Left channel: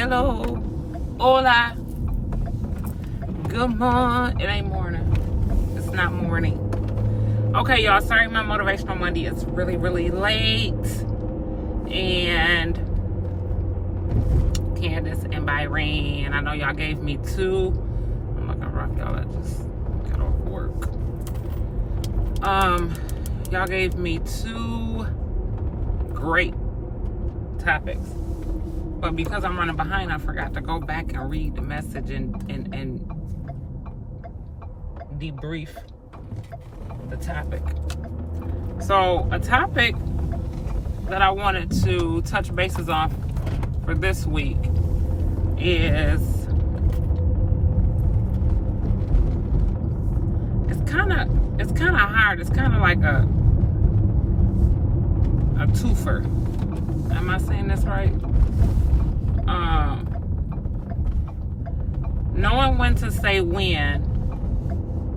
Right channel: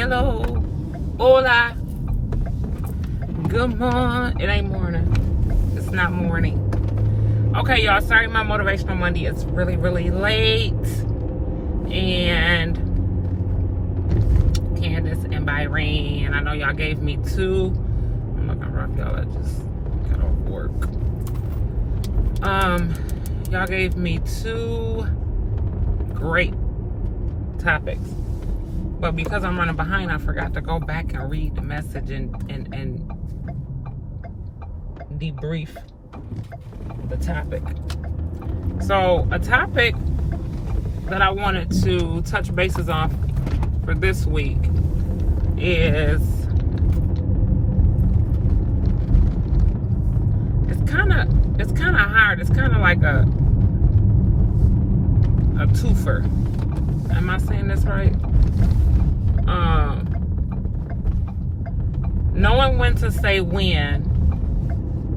Hello. Hola. Good morning. It ain't morning. It's not morning. Okay, y'all. Sorry my Motivational Monday is really, really late. And Candace and Byron, I know y'all gave me two. I'm looking rough, y'all. I just got off work. Y'all gave me two great topics. But because I'm running behind, I forgot to go back and read the message and debrief the topic. So a topic that I wanted to touch bases on for this week is it's kind of hard. It's kind of like a twofer. Am I saying this right? Knowing when to say when,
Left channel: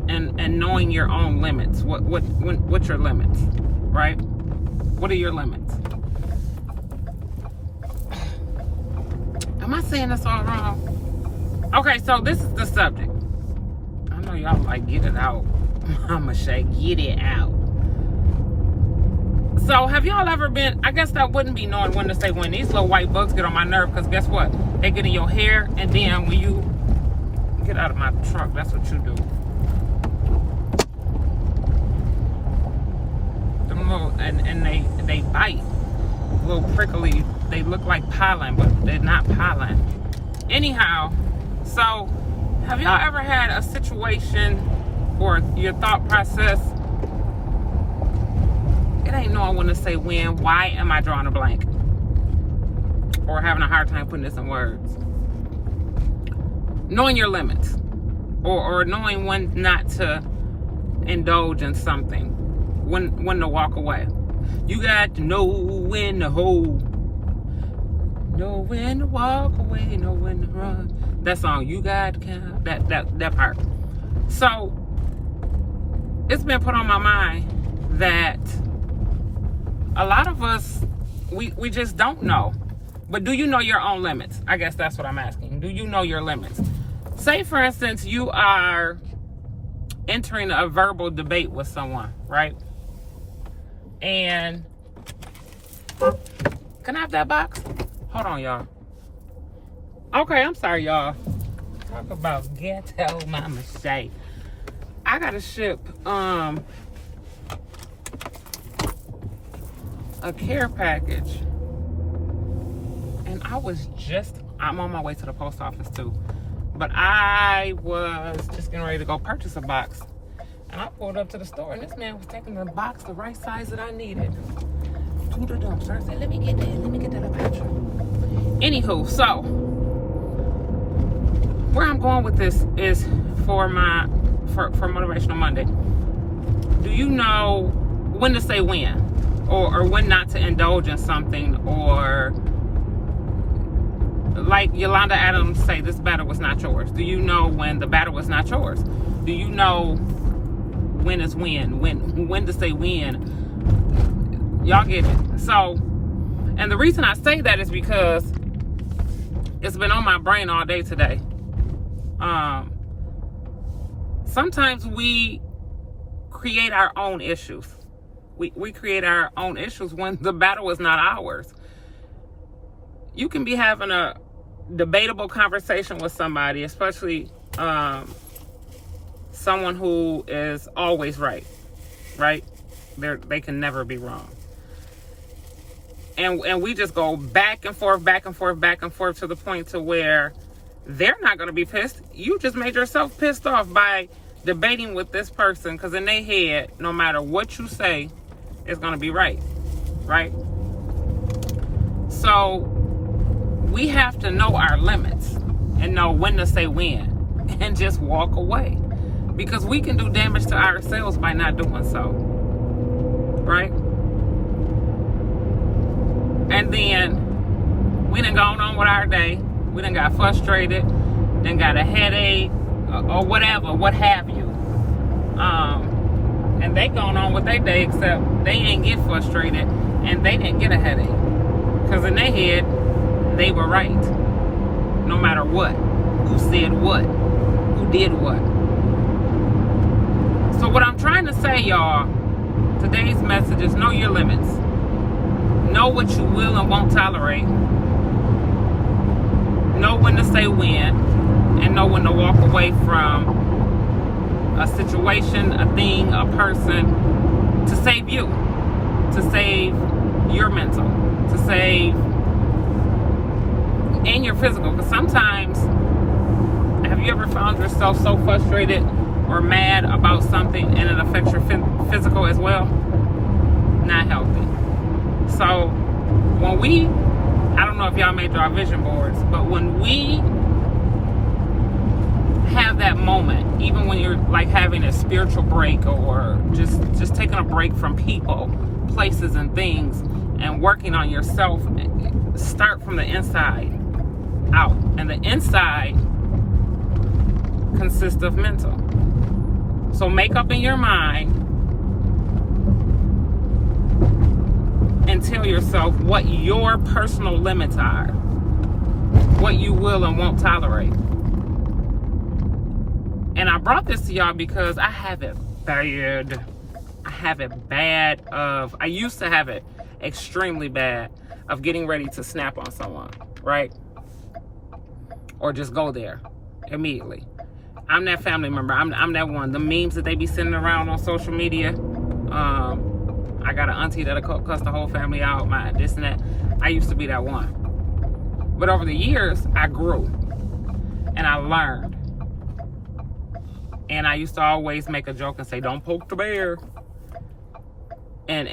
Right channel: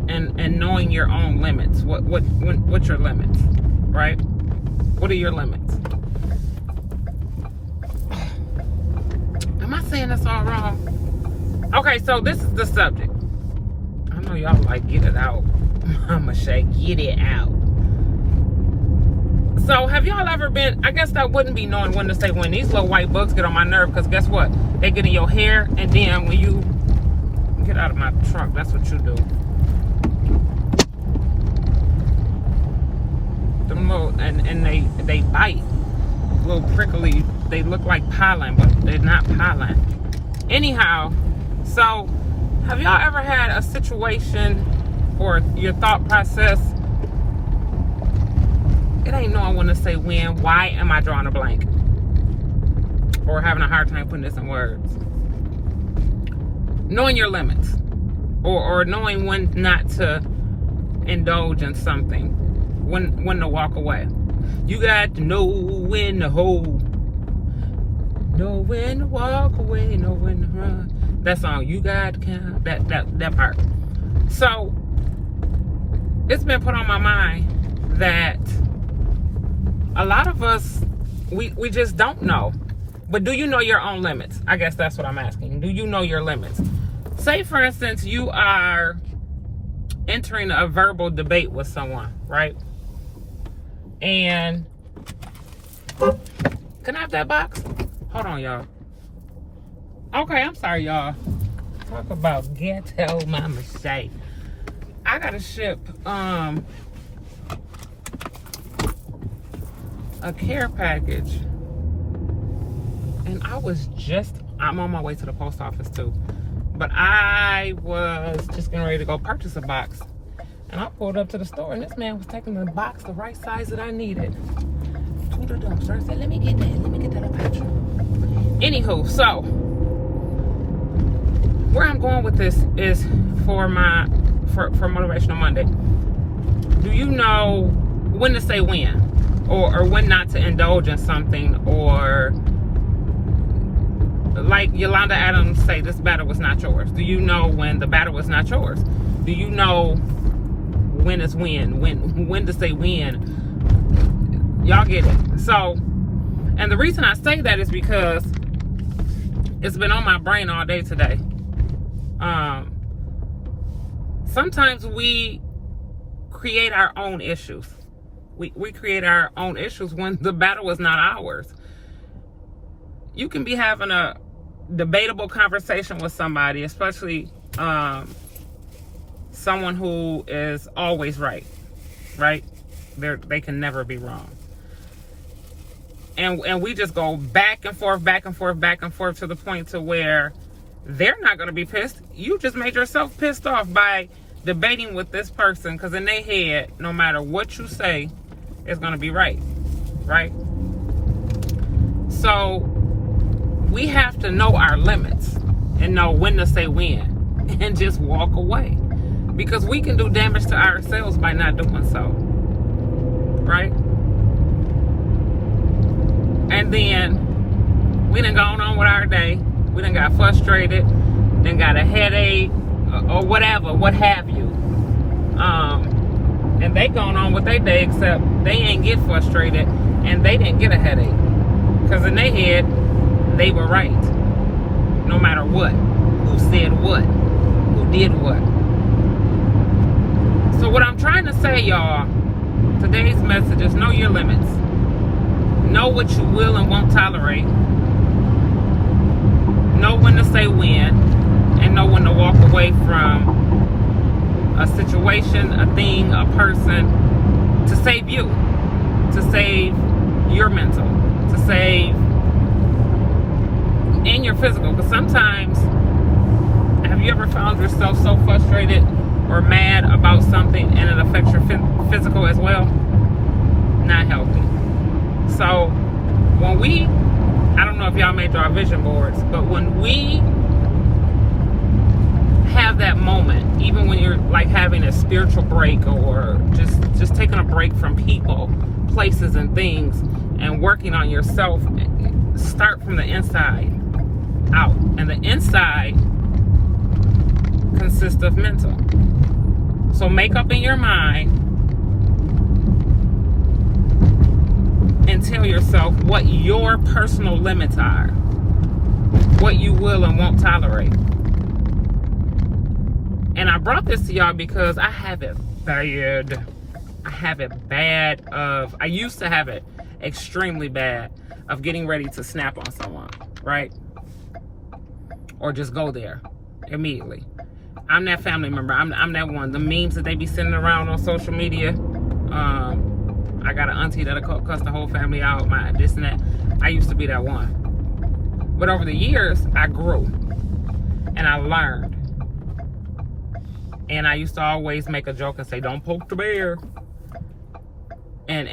and knowing your own limits. What's your limits, right? What are your limits? Am I saying this all wrong? Okay, so this is the subject. I know y'all like, get it out. Mama Shay, get it out. So have y'all ever been, I guess that wouldn't be knowing when to say when. These little white bugs get on my nerve, because guess what? They get in your hair, and then when you get out of my truck, that's what you do. Them little, and they bite. Little prickly, they look like pollen, but they're not pollen. Anyhow, so have y'all ever had a situation or your thought process, it ain't knowing when to say when, why am I drawing a blank? Or having a hard time putting this in words. Knowing your limits. Or knowing when not to indulge in something. When to walk away. You got to know when to hold. Know when to walk away, know when to run. That song, you got to count. That part. So, it's been put on my mind that a lot of us, we just don't know. But do you know your own limits? I guess that's what I'm asking. Do you know your limits? Say, for instance, you are entering a verbal debate with someone, right? And, can I have that box? Hold on, y'all. Okay, I'm sorry, y'all. Talk about ghetto Mama Shay. I gotta ship, a care package, and I'm on my way to the post office too, but I was just getting ready to go purchase a box, and I pulled up to the store, and this man was taking the box the right size that I needed to the dumpster. I said, let me get that up at you. Anywho, so where I'm going with this is for Motivational Monday. Do you know when to say when? Or when not to indulge in something, or like Yolanda Adams say, this battle was not yours. Do you know when the battle was not yours? Do you know when is when to say when? Y'all get it. So, and the reason I say that is because it's been on my brain all day today. Sometimes we create our own issues. We create our own issues when the battle is not ours. You can be having a debatable conversation with somebody, especially someone who is always right? They can never be wrong. And we just go back and forth to the point to where they're not going to be pissed. You just made yourself pissed off by debating with this person, because in their head, no matter what you say, it's going to be right? So we have to know our limits and know when to say when, and just walk away, because we can do damage to ourselves by not doing so, right? And then we done gone on with our day. We done got frustrated, then got a headache, or whatever, what have you. And they going on with their day, except they ain't get frustrated and they didn't get a headache, because in their head they were right. no matter what, who said what, who did what. So what I'm trying to say, y'all, today's message is know your limits. Know what you will and won't tolerate. Know when to say when, and know when to walk away from a situation, a thing, a person, to save you, to save your mental, to save in your physical. Because sometimes, have you ever found yourself so frustrated or mad about something and it affects your physical as well? Not healthy. So when we, I don't know if y'all made our vision boards, but when we have that moment, even when you're like having a spiritual break or just taking a break from people, places, and things, and working on yourself, start from the inside out. And the inside consists of mental. So make up in your mind and tell yourself what your personal limits are, what you will and won't tolerate. And I brought this to y'all because I have it bad. I used to have it extremely bad of getting ready to snap on someone, right? Or just go there immediately. I'm that family member. I'm that one. The memes that they be sending around on social media. I got an auntie that'll cuss the whole family out, my this and that. I used to be that one. But over the years, I grew and I learned. And I used to always make a joke and say, "Don't poke the bear." And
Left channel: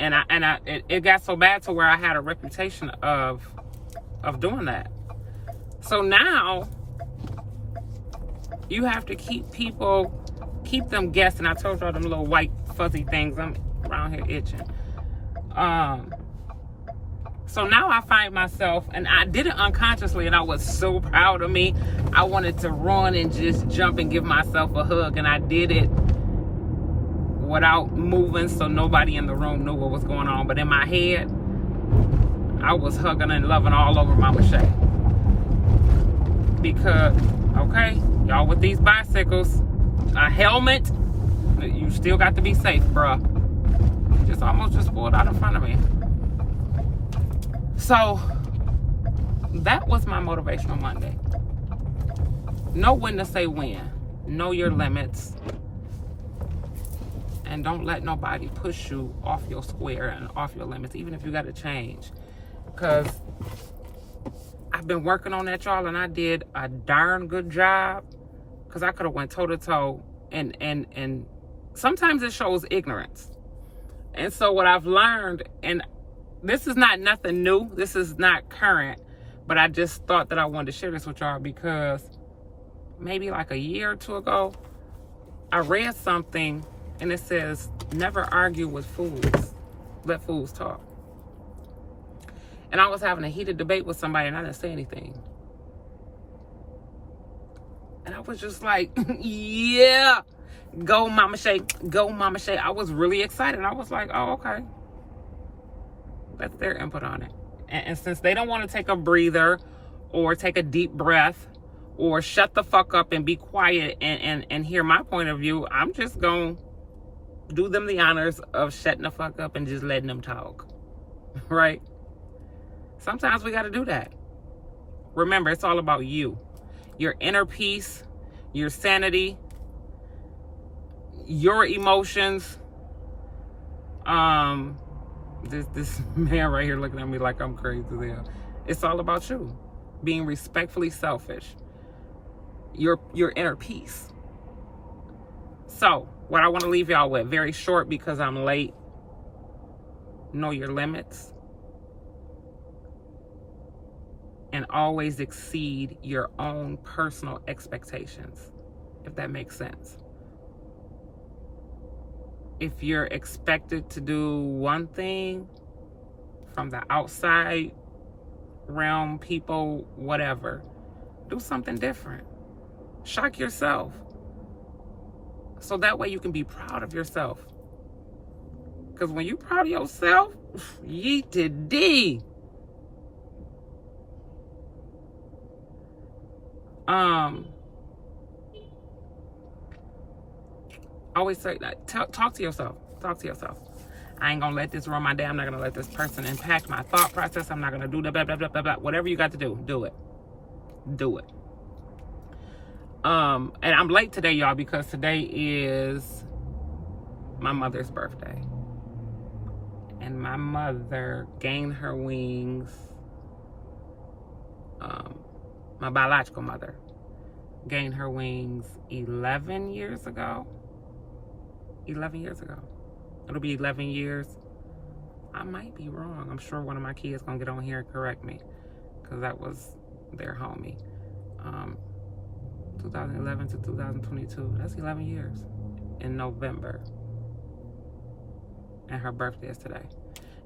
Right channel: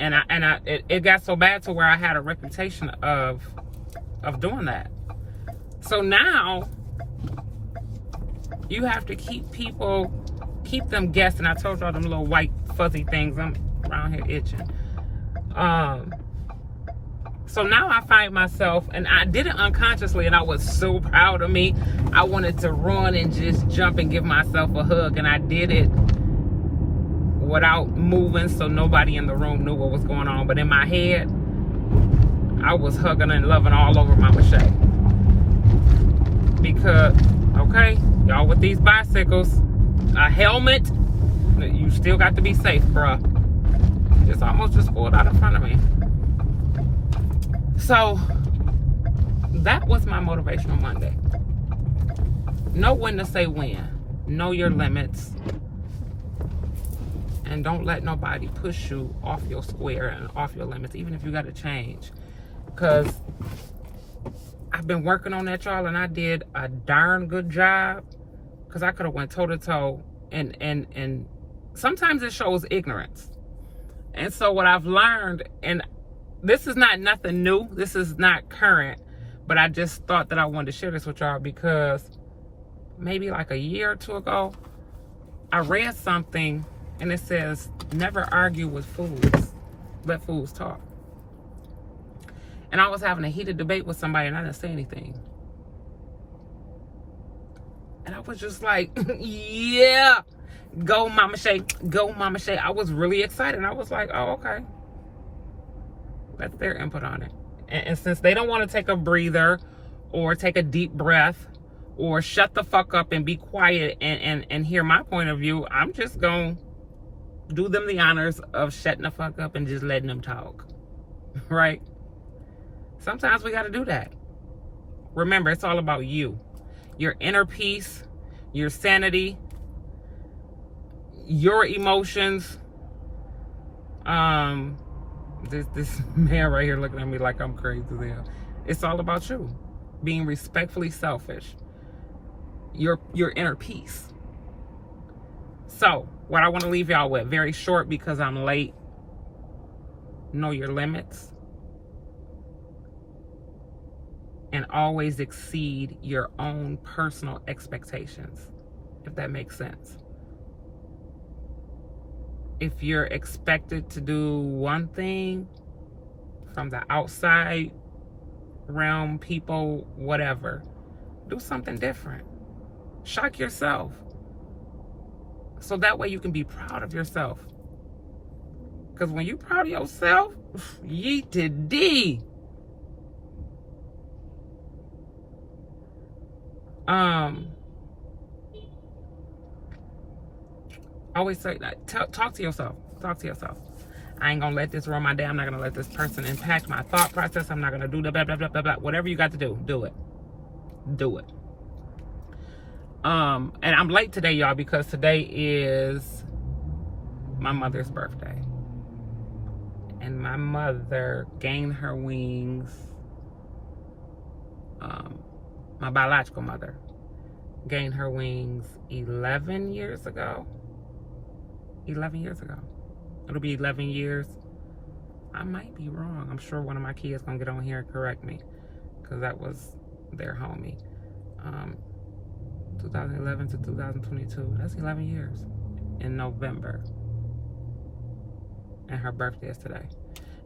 it got so bad to where I had a reputation of doing that. So now you have to keep them guessing. I told y'all them little white fuzzy things. I'm around here itching. So now I find myself, and I did it unconsciously, and I was so proud of me. I wanted to run and just jump and give myself a hug, and I did it without moving, so nobody in the room knew what was going on. But in my head, I was hugging and loving all over Mama Shay. Because, okay, y'all with these bicycles, a helmet, you still got to be safe, bruh. Just almost just pulled out in front of me. So that was my Motivational Monday. Know when to say when. Know your limits. And don't let nobody push you off your square and off your limits, even if you got to change. Because I've been working on that, y'all, and I did a darn good job. Because I could have went toe to toe. And sometimes it shows ignorance. And so what I've learned, and this is not nothing new. This is not current. But I just thought that I wanted to share this with y'all because maybe like a year or two ago, I read something and it says, never argue with fools. Let fools talk. And I was having a heated debate with somebody and I didn't say anything. And I was just like, yeah, go Mama Shay, go Mama Shay. I was really excited. I was like, oh, okay. That's their input on it. And since they don't want to take a breather or take a deep breath or shut the fuck up and be quiet and hear my point of view, I'm just going to do them the honors of shutting the fuck up and just letting them talk. Right? Sometimes we got to do that. Remember, it's all about you. Your inner peace, your sanity, your emotions. This man right here looking at me like I'm crazy there. It's all about you. Being respectfully selfish. Your inner peace. So, what I want to leave y'all with, very short because I'm late. Know your limits. And always exceed your own personal expectations, if that makes sense. If you're expected to do one thing from the outside realm, people, whatever, do something different. Shock yourself. So that way you can be proud of yourself. Because when you're proud of yourself, yeet to D. Always say that. Talk to yourself. Talk to yourself. I ain't gonna let this run my day. I'm not gonna let this person impact my thought process. I'm not gonna do the blah, blah, blah, blah, blah. Whatever you got to do, do it. Do it. And I'm late today, y'all, because today is my mother's birthday. And my mother gained her wings. My biological mother gained her wings 11 years ago. 11 years ago. It'll be 11 years. I might be wrong. I'm sure one of my kids gonna get on here and correct me, because that was their homie. 2011 to 2022. That's 11 years in November. And her birthday is today.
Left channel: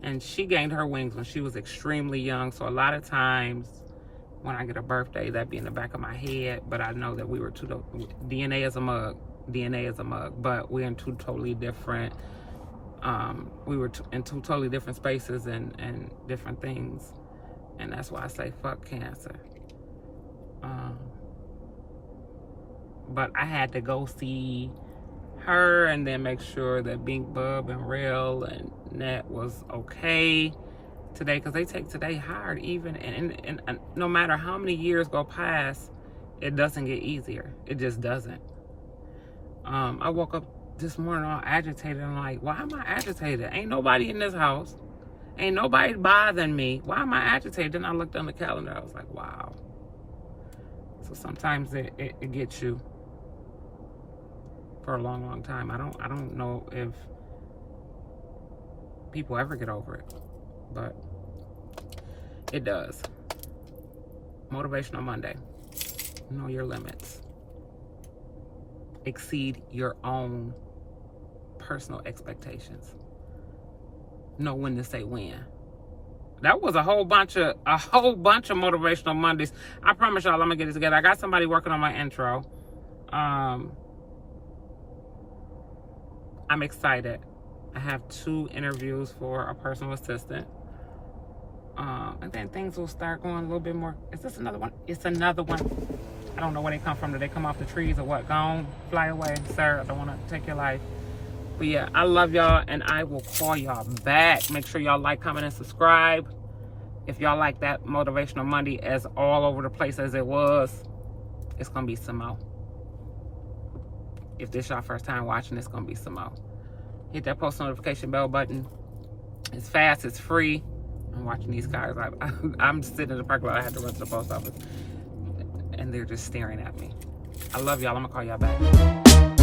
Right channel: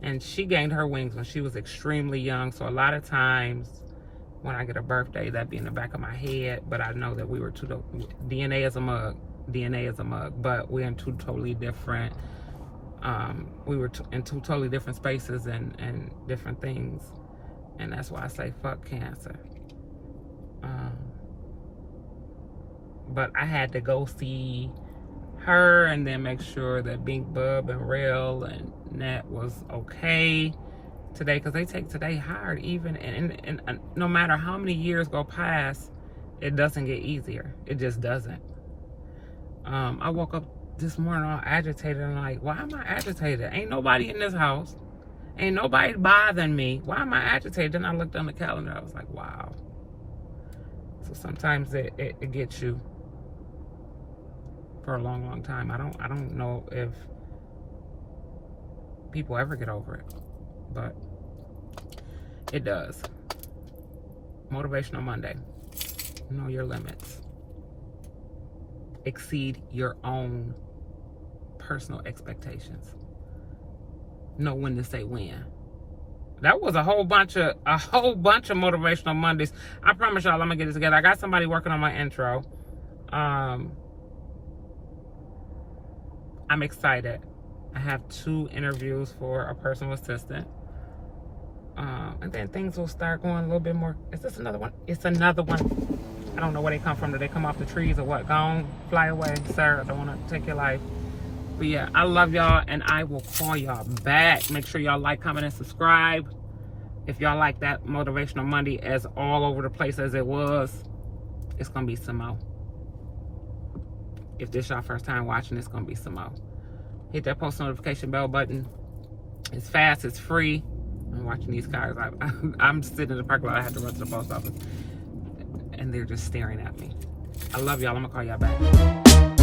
And she gained her wings when she was extremely young. So a lot of times when I get a birthday, that be in the back of my head. But I know that we were DNA is a mug. DNA is a mug. But we're in two totally different, we were in two totally different spaces and different things. And that's why I say fuck cancer. But I had to go see her and then make sure that Bink Bub and Rail and Net was okay today, because they take today hard even, and no matter how many years go past, it doesn't get easier. It just doesn't. I woke up this morning all agitated and like, why am I agitated? Ain't nobody in this house. Ain't nobody bothering me. Why am I agitated? Then I looked on the calendar. I was like, wow. So sometimes it gets you for a long, long time. I don't know if people ever get over it, but it does. Motivational Monday. Know your limits. Exceed your own personal expectations. Know when to say when. That was a whole bunch of motivational Mondays. I promise y'all I'm gonna get it together. I got somebody working on my intro. I'm excited. I have 2 interviews for a personal assistant. And then things will start going a little bit more. Is this another one? It's another one. I don't know where they come from. Do they come off the trees or what? Gone, fly away, sir. I don't want to take your life. But yeah, I love y'all, and I will call y'all back. Make sure y'all like, comment, and subscribe. If y'all like that Motivational Monday as all over the place as it was, it's going to be some more. If this is your first time watching, it's going to be some more. Hit that post notification bell button. It's fast. It's free. I'm watching these cars. I'm sitting in the parking lot. I had to run to the post office. And they're just staring at me. I love y'all. I'm going to call y'all back.